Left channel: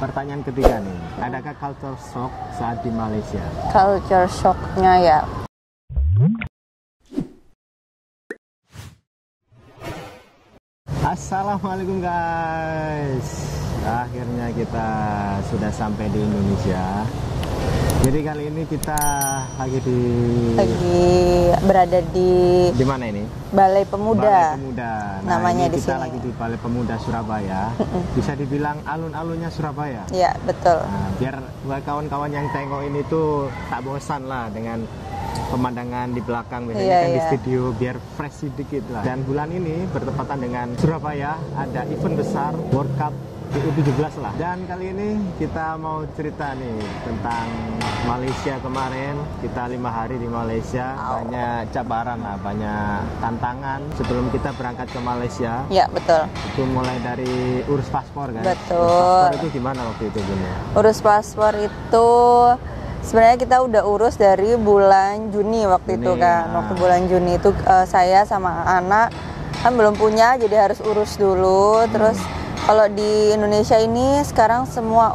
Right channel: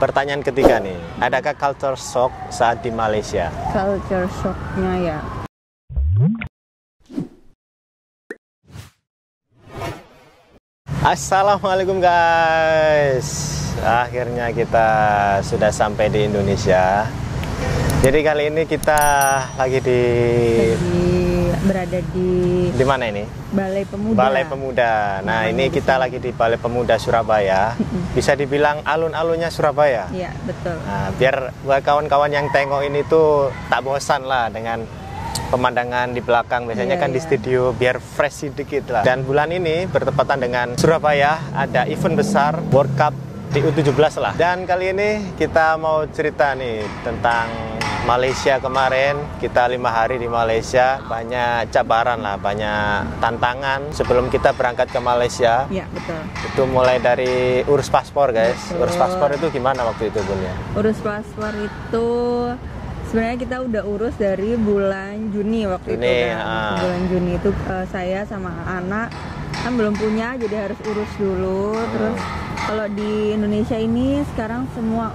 Pertanyaan ketiga nih, adakah culture shock saat di Malaysia? Culture shocknya ya. Assalamualaikum guys. Akhirnya kita sudah sampai di Indonesia. Jadi kali ini kita lagi berada di mana ini? Balai Pemuda. Balai Pemuda. Nah, namanya ini kita lagi di Balai Pemuda Surabaya. Bisa dibilang alun-alunnya Surabaya. Iya, betul. Nah, biar buat kawan-kawan yang tengok ini tuh tak bosan lah dengan pemandangan di belakang. Biasanya kan di studio biar fresh sedikit lah. Dan bulan ini bertepatan dengan Surabaya ada event besar World Cup di U17 lah. Dan kali ini kita mau cerita nih tentang Malaysia kemarin. Kita 5 hari di Malaysia, banyak cabaran lah, banyak tantangan sebelum kita berangkat ke Malaysia. Ya, betul. Itu mulai dari urus paspor guys. Betul. Urus paspor itu gimana waktu itu Bun? Urus paspor itu sebenarnya kita udah urus dari bulan Juni waktu itu kan. Waktu bulan Juni itu saya sama anak kan belum punya, jadi harus urus dulu. Terus kalau di Indonesia ini sekarang semua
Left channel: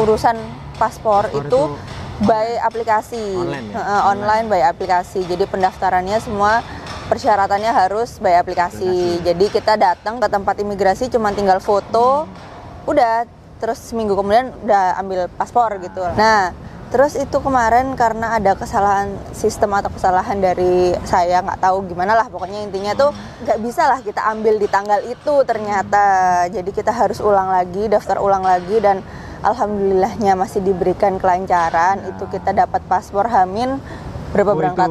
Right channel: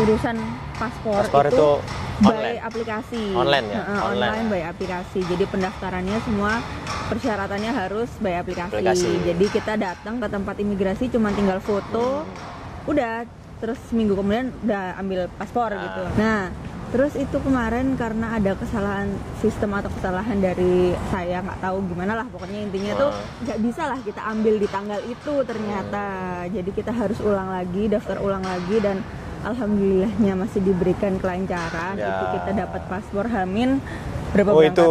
urusan paspor itu by aplikasi. Online ya? Online by aplikasi. Jadi pendaftarannya semua persyaratannya harus by aplikasi. Jadi kita datang ke tempat imigrasi cuma tinggal foto, udah, terus seminggu kemudian udah ambil paspor gitu. Nah, terus itu kemarin karena ada kesalahan sistem atau kesalahan dari saya, nggak tahu gimana lah, pokoknya intinya tuh nggak bisa lah kita ambil di tanggal itu ternyata. Jadi kita harus ulang lagi, daftar ulang lagi, dan alhamdulillahnya masih diberikan kelancaran. Itu kita dapat paspor Hamin berapa berangkat?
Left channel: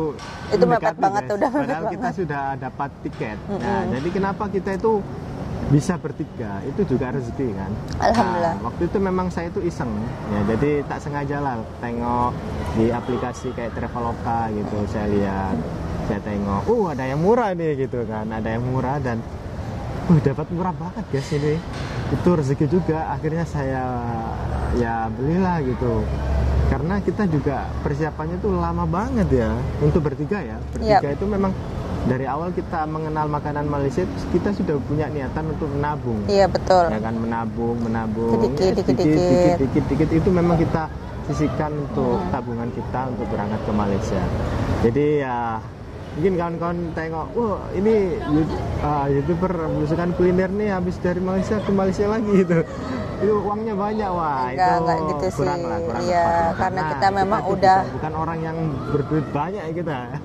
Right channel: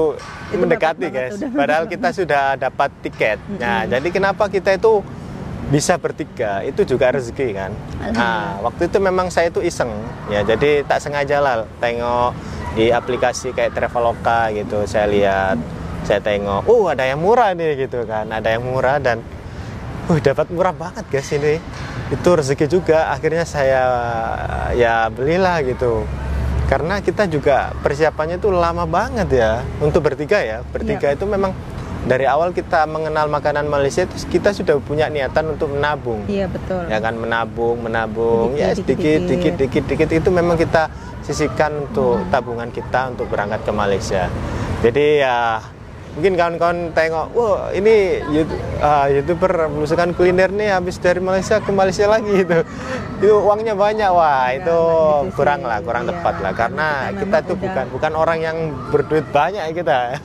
Itu mendekati guys, padahal kita sudah dapat tiket. Nah, jadi kenapa kita itu bisa bertiga, itu juga rezeki kan. Nah, waktu itu memang saya itu iseng ya, jadi tak sengaja lah tengok di aplikasi kayak Traveloka gitu. Saya lihat, saya tengok, ada yang murah nih gitu kan, ada yang murah, dan dapat murah banget guys ini. Itu rezeki juga, akhirnya saya ya belilah gitu. Karena kita juga persiapannya itu lama banget ya untuk bertiga ya. Bertiga itu memang dari awal kita mengenal makanan Malaysia, kita sudah punya niatan untuk menabung. Iya, betul. Ya kan, menabung, sedikit itu memang kita sisihkan untuk tabungan kita untuk berangkat ke Malaysia. Jadi ya mungkin kawan-kawan tengok, ini YouTuber belusukan kuliner nih habis dari Malaysia ke Malaysia lagi itu uangnya banyak. Itu gitu kurang tepat lah, karena kita tuh bukan orang yang berduit banyak kita.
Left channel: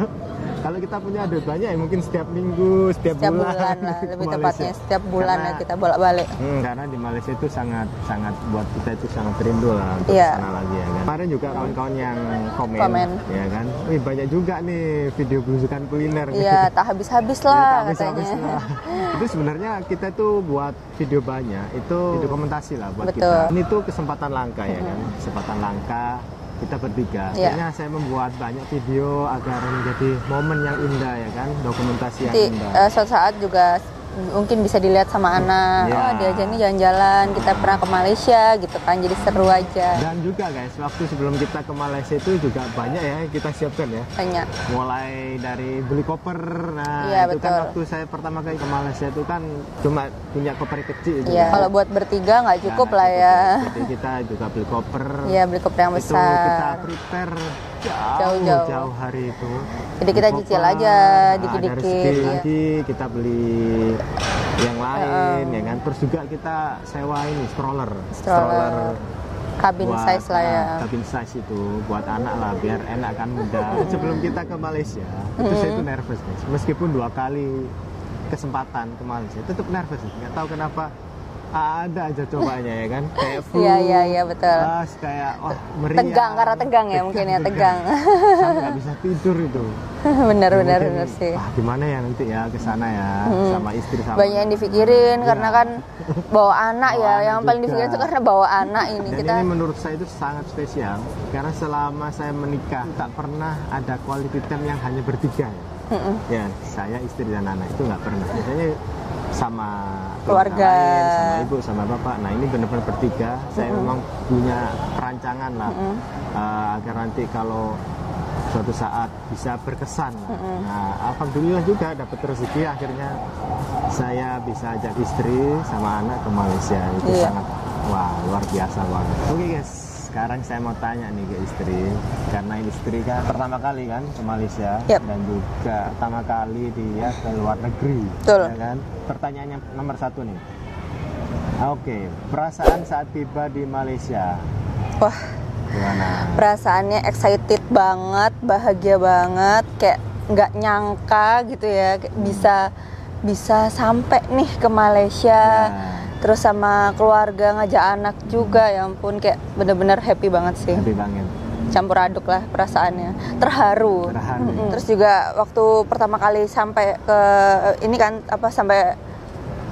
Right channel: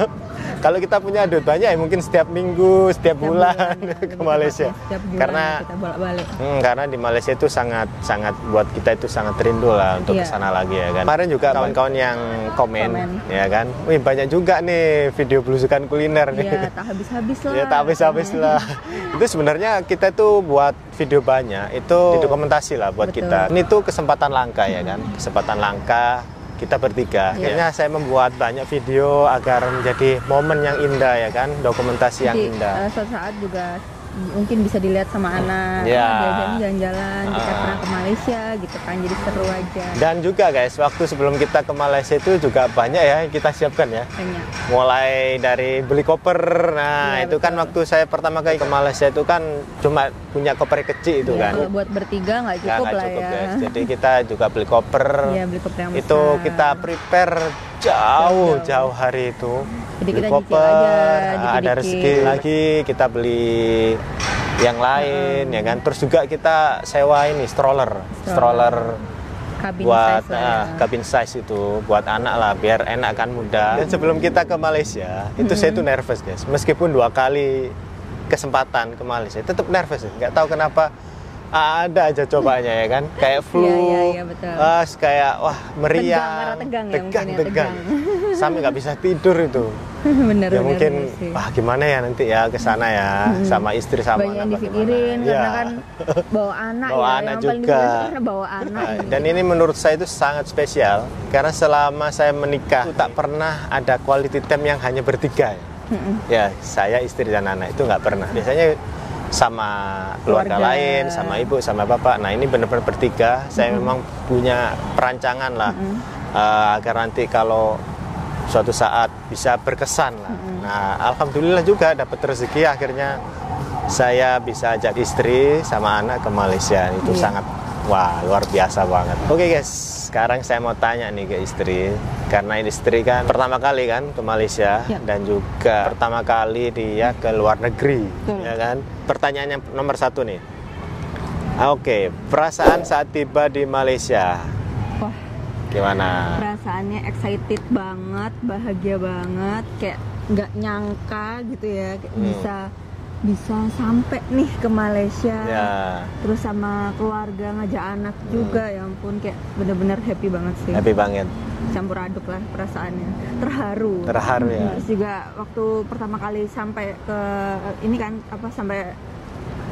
Kalau kita punya duit banyak ya mungkin setiap minggu, setiap bulan ke Malaysia. Setiap bulan karena kita bolak-balik. Karena di Malaysia itu sangat buat kita itu sangat rindu lah untuk ke sana lagi ya kan. Kemarin juga kawan-kawan yang komen ya kan. Banyak juga nih video belusukan kuliner nih. Iya, tak habis-habis lah. Iya, tak habis-habis lah. Itu sebenarnya kita tuh buat video banyak, itu dokumentasi lah buat kita. Ini tuh kesempatan langka ya kan. Kesempatan langka kita bertiga. Kayaknya saya membuat banyak video agar menjadi momen yang indah ya kan, dokumentasi yang indah. Suatu saat juga mungkin bisa dilihat sama anak, diajak nih jalan-jalan, kita pernah ke Malaysia gitu kan, jadi seru aja. Dan juga guys, waktu sebelum kita ke Malaysia itu juga banyak ya yang kita siapkan ya. Banyak. Mulai dari beli koper, itu kan waktu saya pertama kali ke Malaysia itu kan cuma punya koper kecil itu kan. Kalau buat bertiga nggak cukup lah ya. Guys. Jadi kita juga beli koper. Iya, beli koper yang besar. Itu kita prepare jauh hari itu. Jadi kita cicil aja dikit-dikit. Ada rezeki lagi kita beli yang lain ya kan. Terus juga kita sewa ini stroller kabin buat size lah ya. Kabin size itu buat anak lah, biar enak kan, mudah. Sebelum kita ke Malaysia itu saya tuh nervous guys. Meskipun 2 kali kesempatan ke Malaysia tetap nervous ya. Nggak tahu kenapa. Ada aja cobanya ya kan, kayak flu, iya, betul. Kayak meriang, tegang, karena tegang ya mungkin ya, tegang. Sampai nggak bisa tidur itu. bener sih. Gimana ya nanti ya ke sana ya, sama istri sama. Banyak yang dipikirin karena kan bawa anak yang paling dipikirin itu karena bawa anak ini. Dan ini menurut saya itu sangat spesial karena selama saya menikah itu tak pernah ada quality time yang hanya bertiga. Ya, saya, istri dan anak itu nggak pernah. Biasanya sama keluarga lain, sama ibu, sama bapak. Nah, ini benar-benar bertiga. Saya memang punya perancangan lah agar nanti kalau suatu saat bisa berkesan lah. Nah, alhamdulillah juga dapat rezeki, akhirnya saya bisa ajak istri sama anak ke Malaysia. Itu sangat Wah, luar biasa banget. Oke guys, sekarang saya mau tanya nih ke istri. Karena istri kan pertama kali kan ke Malaysia. Yap. Dan juga pertama kali dia ke luar negeri. Betul. Ya kan? Pertanyaannya nomor 1 nih. Oke, perasaan saat tiba di Malaysia. Wah, Gimana? perasaannya excited banget, bahagia banget, kayak nggak nyangka gitu ya, bisa sampai nih ke Malaysia. Ya, Terus sama keluarga, ngajak anak juga, ya ampun, kayak bener-bener happy banget sih. happy banget. Campur aduk lah perasaannya, terharu. Terharu ya. Terus juga waktu pertama kali sampai ke ini kan sampai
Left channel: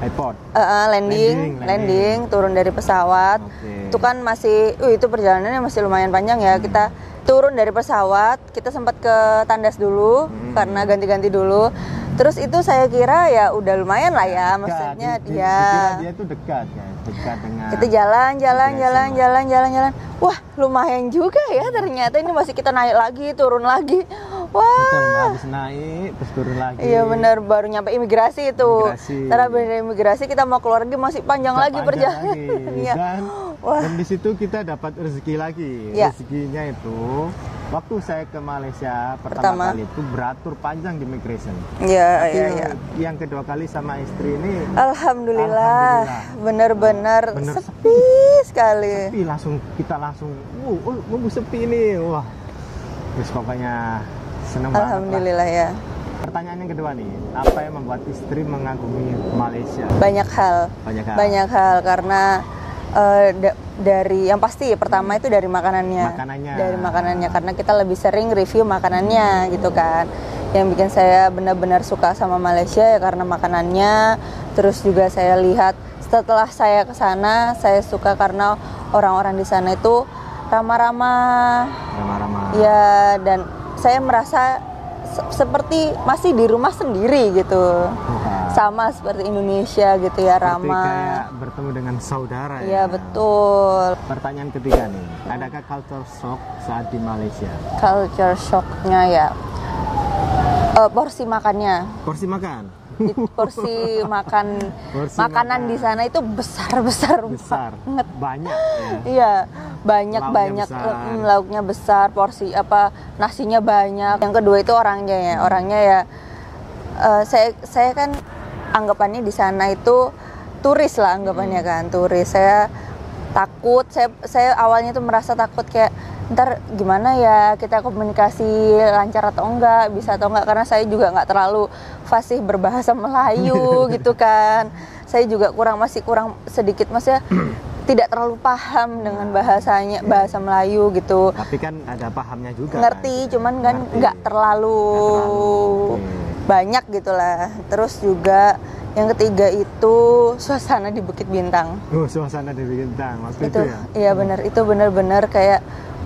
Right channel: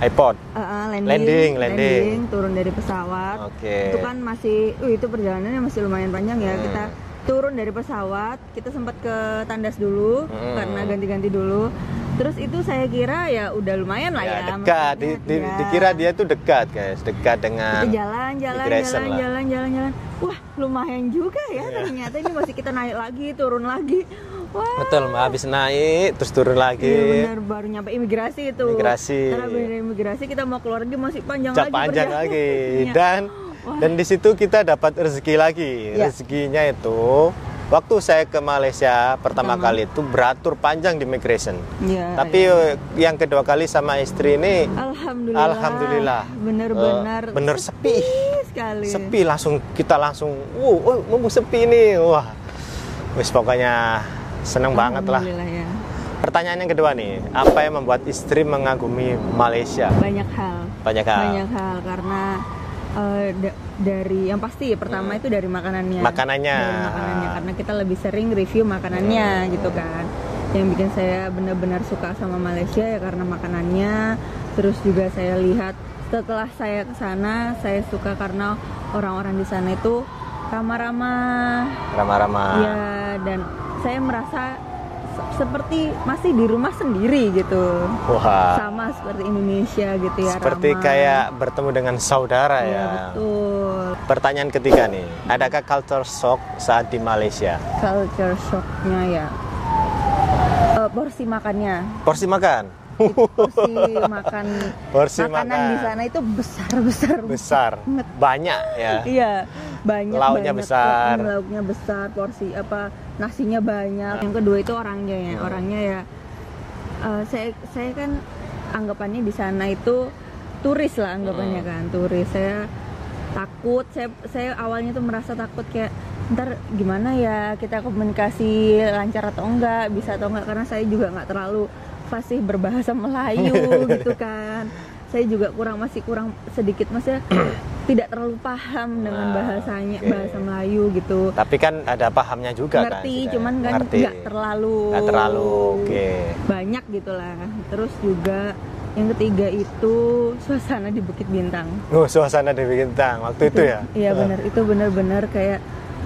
iPod. landing, turun dari pesawat. Oke. Itu kan masih, itu perjalanannya masih lumayan panjang ya. Kita turun dari pesawat, kita sempat ke tandas dulu karena ganti-ganti dulu. Terus itu saya kira ya udah lumayan lah ya, Dekat. maksudnya Dikira dia tuh dekat guys, dekat dengan. kita jalan. Immigration lah. Wah, lumayan juga ya ternyata, ini masih kita naik lagi, turun lagi. Wah. Betul, habis naik terus turun lagi. Iya benar, baru nyampe imigrasi itu. Imigrasi. Karena dari imigrasi kita mau keluar lagi masih panjang lagi perjalanan. lagi. Wah. Dan di situ kita dapat rezeki lagi. Ya. Rezekinya itu waktu saya ke Malaysia pertama kali itu beratur panjang di immigration. Iya. Tapi yang kedua kali sama istri ini Alhamdulillah. Bener-bener bener sepi sekali. Sepi, kita langsung nunggu sepi nih. Wah. Wis pokoknya seneng banget lah. Alhamdulillah ya. Pertanyaan yang kedua nih, apa yang membuat istri mengagumi Malaysia? Banyak hal karena dari yang pasti pertama itu dari makanannya. Dari makanannya, karena kita lebih sering review makanannya gitu kan. Yang bikin saya benar-benar suka sama Malaysia ya karena makanannya. Terus juga saya lihat setelah saya ke sana, saya suka karena orang-orang di sana itu ramah-ramah. Ya, dan saya merasa seperti masih di rumah sendiri gitu. Wah. Sama seperti Indonesia gitu ya, seperti ramah. kayak bertemu dengan saudara ya. Iya, betul. Pertanyaan ketiga nih, adakah culture shock saat di Malaysia? Culture shocknya ya, porsi makannya. Porsi makan? Porsi makanan di sana itu besar banyak ya. Iya, banyak besar. Lauknya besar, porsi nasinya banyak. Yang kedua itu orangnya ya, saya kan anggapannya di sana itu turis lah anggapannya kan, turis. Saya takut, saya awalnya tuh merasa takut kayak ntar gimana ya kita komunikasi lancar atau enggak, bisa atau enggak, karena saya juga nggak terlalu fasih berbahasa Melayu gitu kan. Saya juga masih kurang sedikit, maksudnya tidak terlalu paham dengan bahasa Melayu gitu. Tapi kan ada pahamnya juga. Ngerti, kan, cuman kan nggak terlalu banyak gitulah. Terus juga yang ketiga itu suasana di Bukit Bintang. Suasana di Bukit Bintang waktu itu ya? Iya benar, itu benar-benar kayak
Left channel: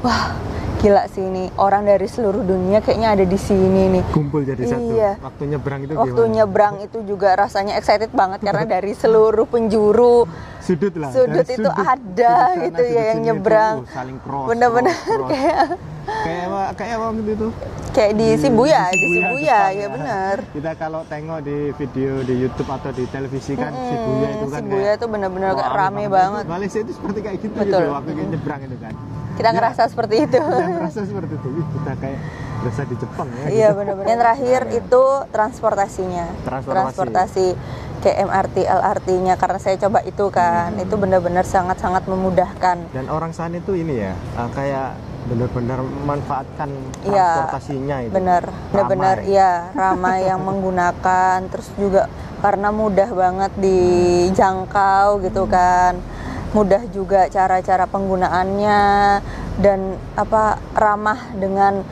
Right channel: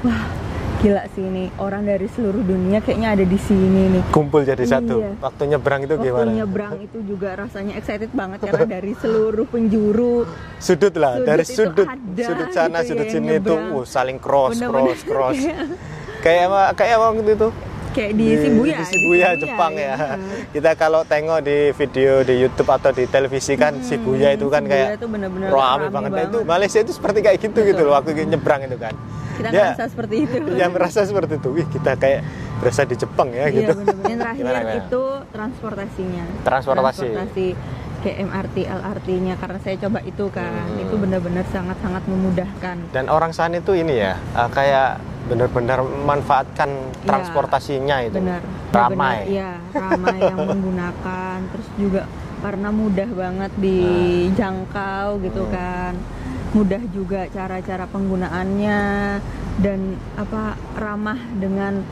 wah gila sih ini, orang dari seluruh dunia kayaknya ada di sini nih. Kumpul jadi satu. Iya. Waktu nyebrang itu gimana? Waktu nyebrang itu juga rasanya excited banget karena dari seluruh penjuru sudut dari sudut ada sudut sana, gitu sudut ya, sini nyebrang. itu saling cross. Kayak apa gitu? Kayak di Shibuya, Jepang ya. Benar. Kita kalau tengok di video di YouTube atau di televisi kan Shibuya itu kan Shibuya kayak itu benar-benar rame banget. Itu Malaysia itu seperti kayak gitu gitu loh waktu nyebrang itu kan. Kita ngerasa seperti itu. Yang merasa seperti itu. Wih, kita kayak berasa di Jepang ya gitu. Iya benar-benar. Yang terakhir itu transportasinya. Transportasi kayak MRT, LRT-nya, karena saya coba itu kan. Itu benar-benar sangat-sangat memudahkan. Dan orang sana itu ini ya, kayak benar-benar memanfaatkan transportasinya itu. Benar. Iya, ramai yang menggunakan, terus juga karena mudah banget dijangkau gitu kan. Mudah juga cara-cara penggunaannya dan ramah dengan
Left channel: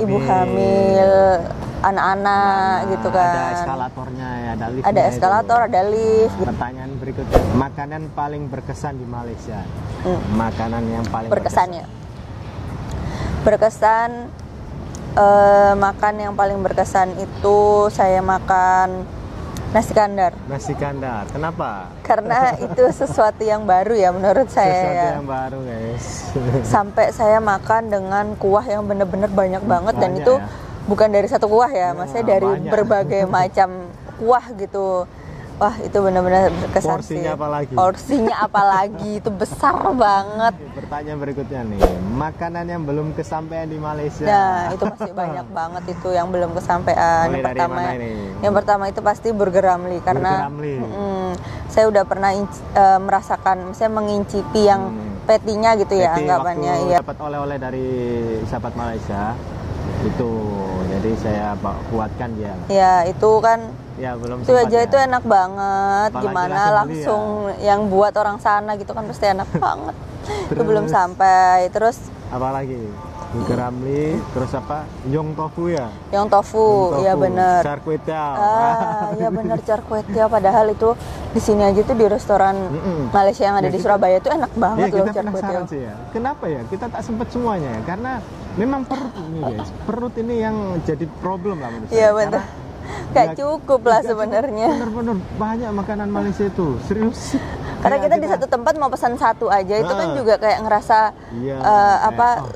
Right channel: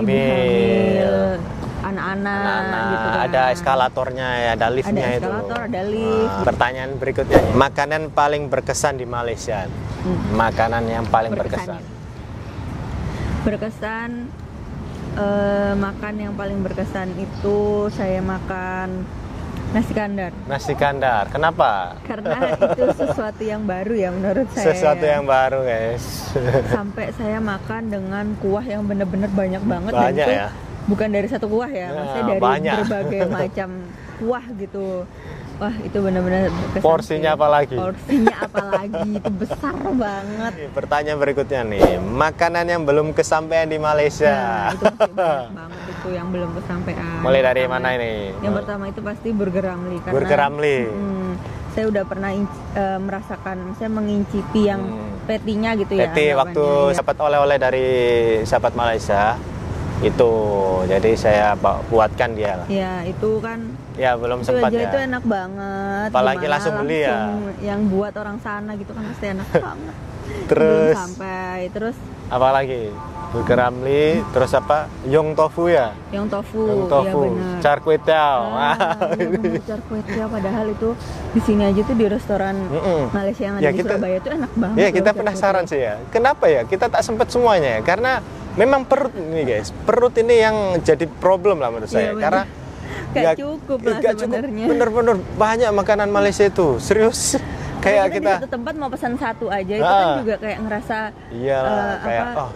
ibu hamil, anak-anak gitu kan. Ada eskalatornya ya, ada liftnya. Ada eskalator, ada lift. Pertanyaan berikutnya, makanan paling berkesan di Malaysia. Makanan yang paling berkesan. Makan yang paling berkesan itu saya makan nasi kandar. Nasi kandar, kenapa? Karena itu sesuatu yang baru ya menurut saya. Sesuatu yang baru guys. Sampai saya makan dengan kuah yang benar-benar banyak banget. Dan itu bukan dari satu kuah ya, maksudnya dari berbagai macam kuah gitu. Wah, itu benar-benar berkesan. Porsinya sih. apalagi? Porsinya apalagi itu besar banget. Pertanyaan berikutnya nih, makanan yang belum kesampaian di Malaysia. Nah, itu masih banyak banget itu yang belum kesampaian. Mulai dari mana ini? Yang pertama itu pasti Burger Ramly karena Burger Ramly. Saya udah pernah merasakan, saya mengincipi yang petinya gitu ya, Peti waktu anggapannya. dapat oleh-oleh dari sahabat Malaysia itu, jadi saya buatkan dia lah. Ya, itu kan Ya belum itu sempat aja ya. itu enak banget. Apalagi Gimana langsung beli ya. yang buat orang sana gitu kan pasti enak banget. Terus Belum sampai. Terus apalagi? Burger Ramly, terus apa? Yong tofu ya? yang tofu, ya benar. Char kway teow. Ya benar, char kway teow. Padahal itu di sini aja tuh di restoran Malaysia yang ada Ya, di Surabaya itu enak banget. Ya kita loh, penasaran sih ya. Kenapa ya? Kita tak sempat semuanya ya. Karena memang perut ini guys. Perut ini yang jadi problem lah menurut saya. Karena gak cukup lah sebenarnya. Bener-bener banyak makanan Malaysia itu. Serius. Karena kita di satu tempat mau pesan satu aja itu kan juga kayak ngerasa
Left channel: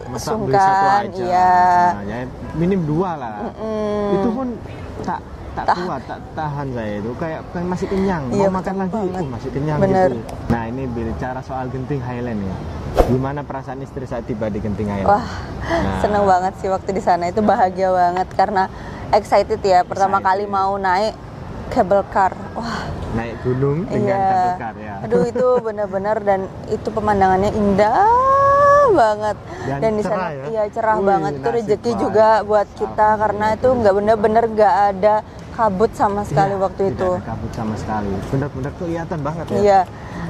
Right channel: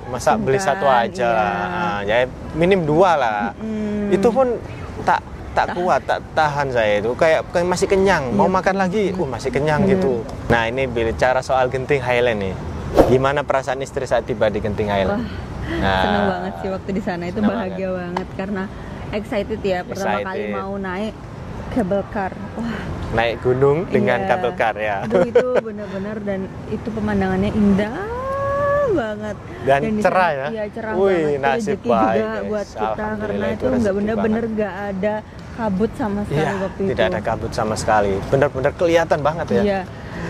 masa beli satu aja. Ya minim 2 lah. Itu pun tak kuat, tak tahan saya itu. Kayak masih kenyang, mau makan lagi, masih kenyang gitu. Nah, ini bicara soal Genting Highland nih. Gimana perasaan istri saat tiba di Genting Highland? Wah, seneng banget sih waktu di sana, itu bahagia banget karena excited ya, pertama kali mau naik cable car. Wah, naik gunung dengan cable car ya. Aduh, itu benar-benar, dan itu pemandangannya indah banget dan di cerah sana, ya. Iya, cerah banget. Itu rezeki juga buat kita karena itu nggak bener-bener nggak ada kabut sama sekali waktu itu. Tidak ada kabut sama sekali. Benar-benar kelihatan banget ya. Iya.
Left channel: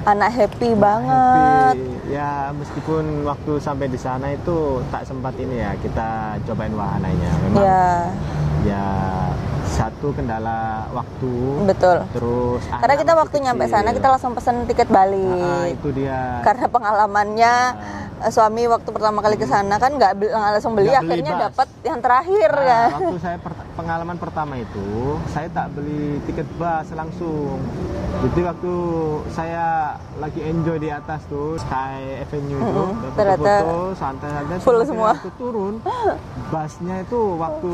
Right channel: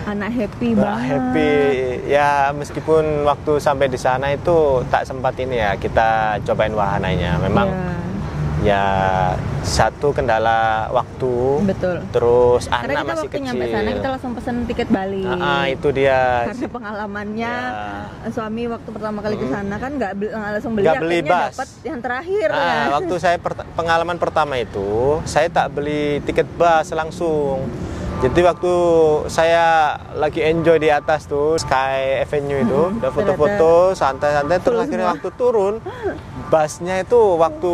Anak happy banget. Happy ya, meskipun waktu sampai di sana itu tak sempat ini ya kita cobain wahananya. Memang ya satu kendala waktu. Betul. Terus karena kita waktu nyampe sana kita langsung pesen tiket balik. Itu dia. Karena pengalamannya suami waktu pertama kali ke sana kan nggak langsung beli, akhirnya dapat yang terakhir. Waktu saya pengalaman pertama itu saya tak beli tiket bus langsung. Jadi waktu saya lagi enjoy di atas tuh Sky Avenue itu, udah foto-foto santai-santai, terus akhirnya waktu turun busnya itu waktu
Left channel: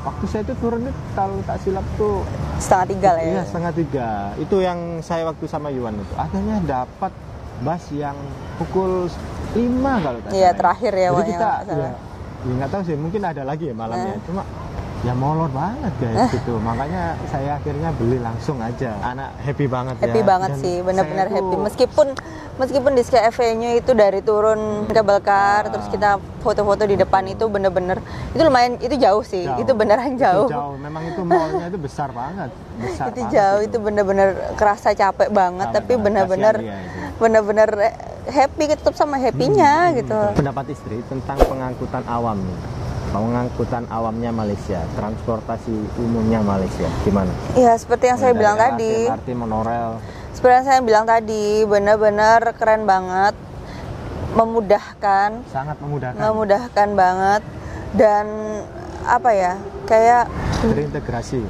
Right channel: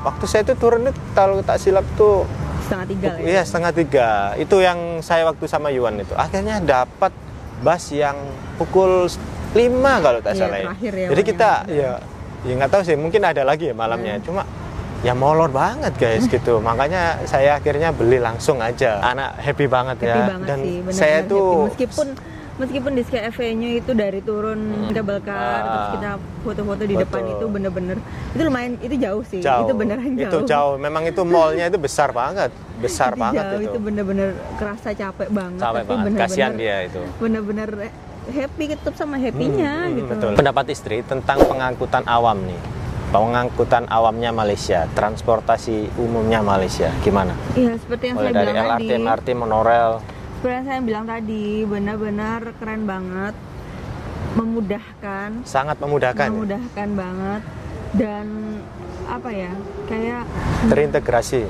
waktu saya itu turun itu kalau tak silap tuh 2:30 lah ya. Iya, 2:30. Itu yang saya waktu sama Yuan itu. Akhirnya dapat bus yang pukul 5 kalau tak salah. Terakhir ya. Jadi kita ya nggak tahu sih, mungkin ada lagi ya malamnya. Cuma ya molor banget guys gitu. Makanya saya akhirnya beli langsung aja. Anak happy banget ya. Happy banget sih, benar-benar happy. Meskipun di Sky Avenue itu dari turun cable car terus kita foto-foto di depan itu bener-bener itu lumayan, itu jauh sih. Itu beneran jauh. Itu jauh. Memang itu mallnya itu besar banget. Besar itu banget jauh, itu bener-bener kerasa capek banget, tapi bener-bener happy, tetap sama happy-nya gitu. Betul. Pendapat istri tentang pengangkutan awam nih. Pengangkutan awamnya Malaysia, transportasi umumnya Malaysia, gimana? Iya, seperti yang saya bilang tadi. MRT, monorail. Seperti yang saya bilang tadi, benar-benar keren banget, memudahkan. Sangat memudahkan. Memudahkan banget, dan apa ya, kayak terintegrasi.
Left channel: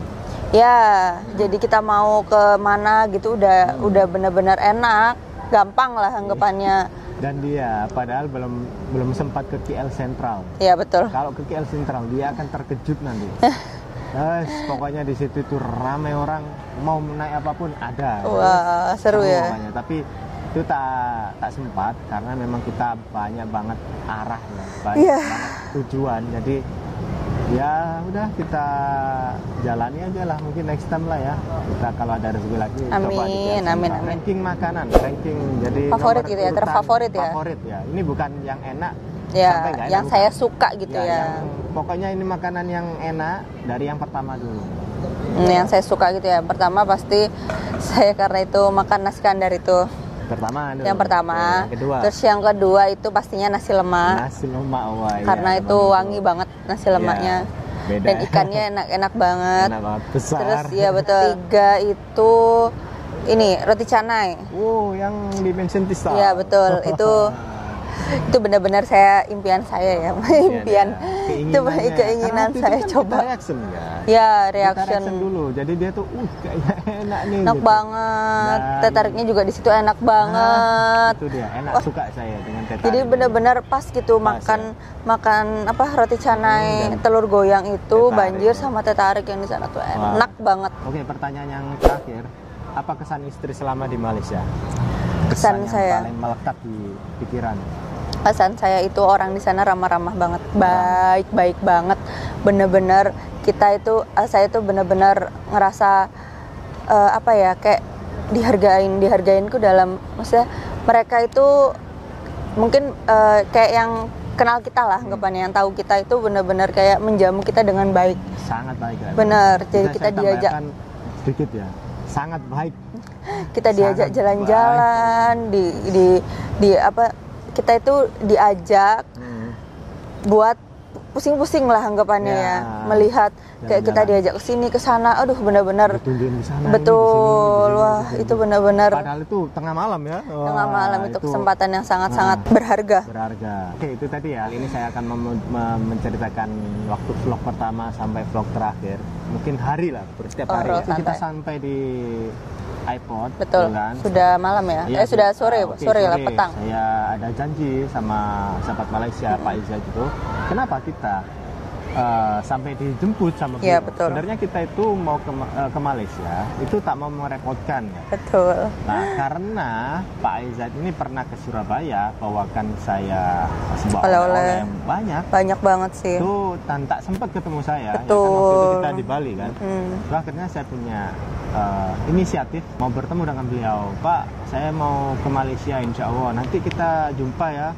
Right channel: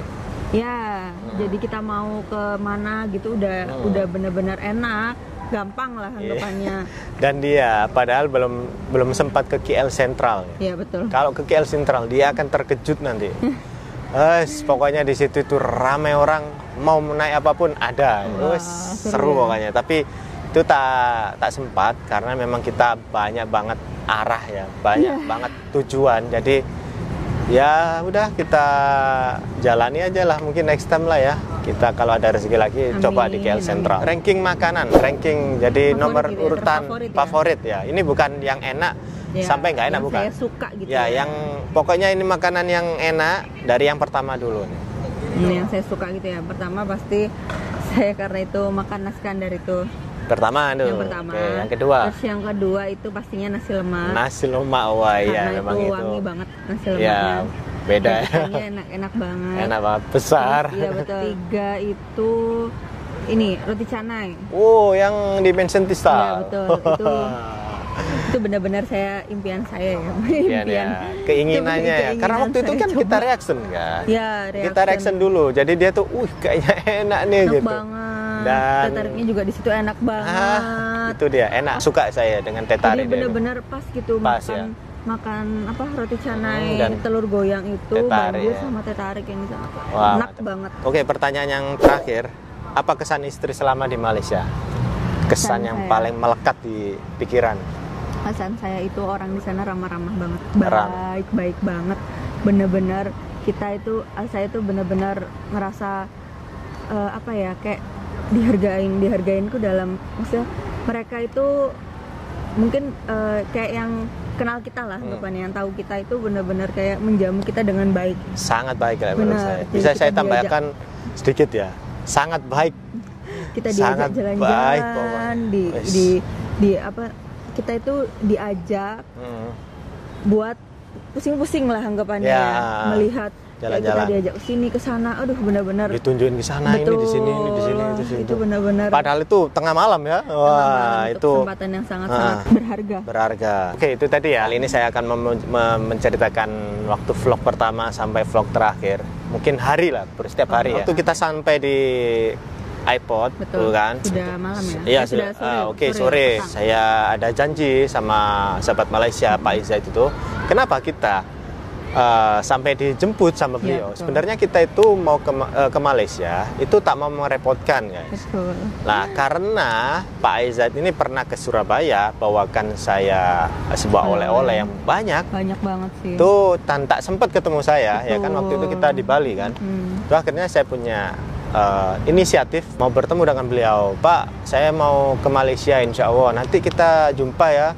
Ya, jadi kita mau ke mana gitu udah benar-benar enak, gampang lah anggapannya. Dan dia padahal belum sempat ke KL Sentral. Iya, betul. Kalau ke KL Sentral dia akan terkejut nanti. Pokoknya di situ itu ramai orang, mau naik apapun ada. Wah, seru ya. Pokoknya. Tapi itu tak sempat karena memang kita banyak banget arah ya, banyak banget tujuan. Jadi ya udah kita jalani aja lah, mungkin next time lah ya. Kita kalau ada rezeki lagi coba di KL Sentral. Ranking makanan, jadi favorit nomor gitu ya, urutan favorit ya. Ini bukan yang enak ya, sampai nggak enak, yang saya suka gitu ya. Yang pokoknya ini makanan yang enak dari yang pertama dulu. Yang saya suka gitu ya. Pertama pasti saya karena itu makan nasi kandar itu. Pertama dulu. Yang pertama. Yang kedua. Terus yang kedua itu pastinya nasi lemak. Nasi lemak, wah iya. Karena itu wangi banget nasi lemaknya. Ya, beda. Dan ikannya enak banget. Enak banget, besar. Terus ya betul. 3 itu ini roti canai. Wow, yang di Bensin Tista. Iya betul. Itu benar-benar saya impian saya ya, impian keinginannya. Itu keinginan Karena waktu itu saya kan coba. kita reaction kan. Ya, Kita reaction dulu. Jadi dia tuh, kayaknya enak nih enak gitu. banget. Dan- Teh tariknya juga di situ enak banget. Itu dia, enak, suka saya dengan teh Jadi tarik. benar-benar pas gitu Pas, makan apa roti canai, dan telur goyang itu teh tarik, banjir ya. sama teh tarik yang di sana tuh Wah. enak banget. Oke, pertanyaan yang terakhir, apa kesan istri selama di Malaysia? Kesan Kesan yang saya. paling melekat di pikiran. Pesan saya itu orang di sana ramah-ramah banget, baik-baik banget. Bener-bener saya itu bener-bener ngerasa apa ya, kayak dihargainku dalam, maksudnya mereka itu mungkin kayak yang kenal kita lah, anggapannya yang tahu kita itu bener-bener kayak menjamu kita dengan baik. Sangat baik ya. Benar, Bisa jadi saya kita tambahkan sedikit ya. Sangat baik. Kita diajak Sangat jalan-jalan, baik, di apa, kita itu diajak buat pusing-pusing lah anggapannya, Ya, melihat kayak kita jalan-jalan. diajak ke sini ke sana, aduh benar-benar Ditunjukin ke sana, betul. ini di sini, ini di sini. Wah, di sini. itu benar-benar Padahal itu tengah malam ya. tengah malam, itu itu kesempatan yang sangat-sangat berharga. berharga. Oke, itu tadi ya. Kali ini saya akan menceritakan waktu vlog pertama sampai vlog terakhir. Mungkin hari lah, setiap hari. Waktu kita sampai di iPod, Betul. kan? Sudah malam ya? Iya, Sudah sore. Oke, sore, sore. petang. Saya ada janji sama sahabat Malaysia, Pak Izzat itu. Kenapa kita sampai dijemput sama Iya, beliau? betul. Sebenarnya kita itu mau ke Malaysia, itu tak mau merepotkan ya. Betul. Nah, karena Pak Izzat ini pernah ke Surabaya, bawakan saya sebuah oleh-oleh yang banyak. Banyak banget sih. Itu tak sempat ketemu saya, ya kan waktu itu kita di Bali kan. Itu akhirnya saya punya inisiatif mau bertemu dengan beliau. Pak, saya mau ke Malaysia insya Allah. Nanti kita jumpa ya.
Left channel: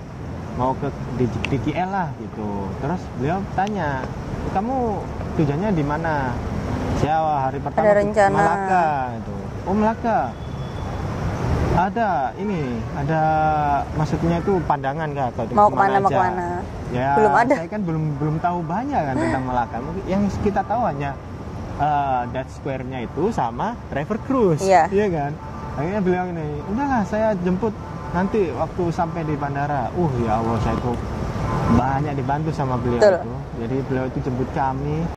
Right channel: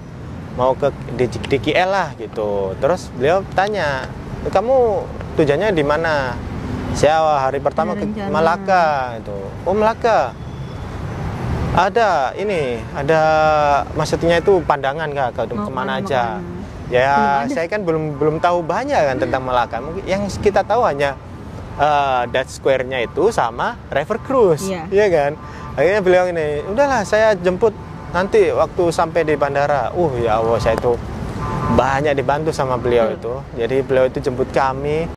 Mau ke di KL lah gitu. Terus beliau tanya, kamu tujuannya di mana? Saya hari pertama ke Malaka gitu. Oh, Malaka. Ada maksudnya itu pandangan Kak, Mau kemana kemana, aja. mau kemana? Ya, Belum ada. saya kan belum tahu banyak kan tentang Malaka. Yang kita tahu hanya Dutch Square-nya itu sama River Cruise, Iya. iya kan? Akhirnya beliau ini, udahlah saya jemput nanti waktu sampai di bandara. Ya Allah, saya itu banyak dibantu sama beliau. Betul. itu. Jadi beliau itu jemput kami.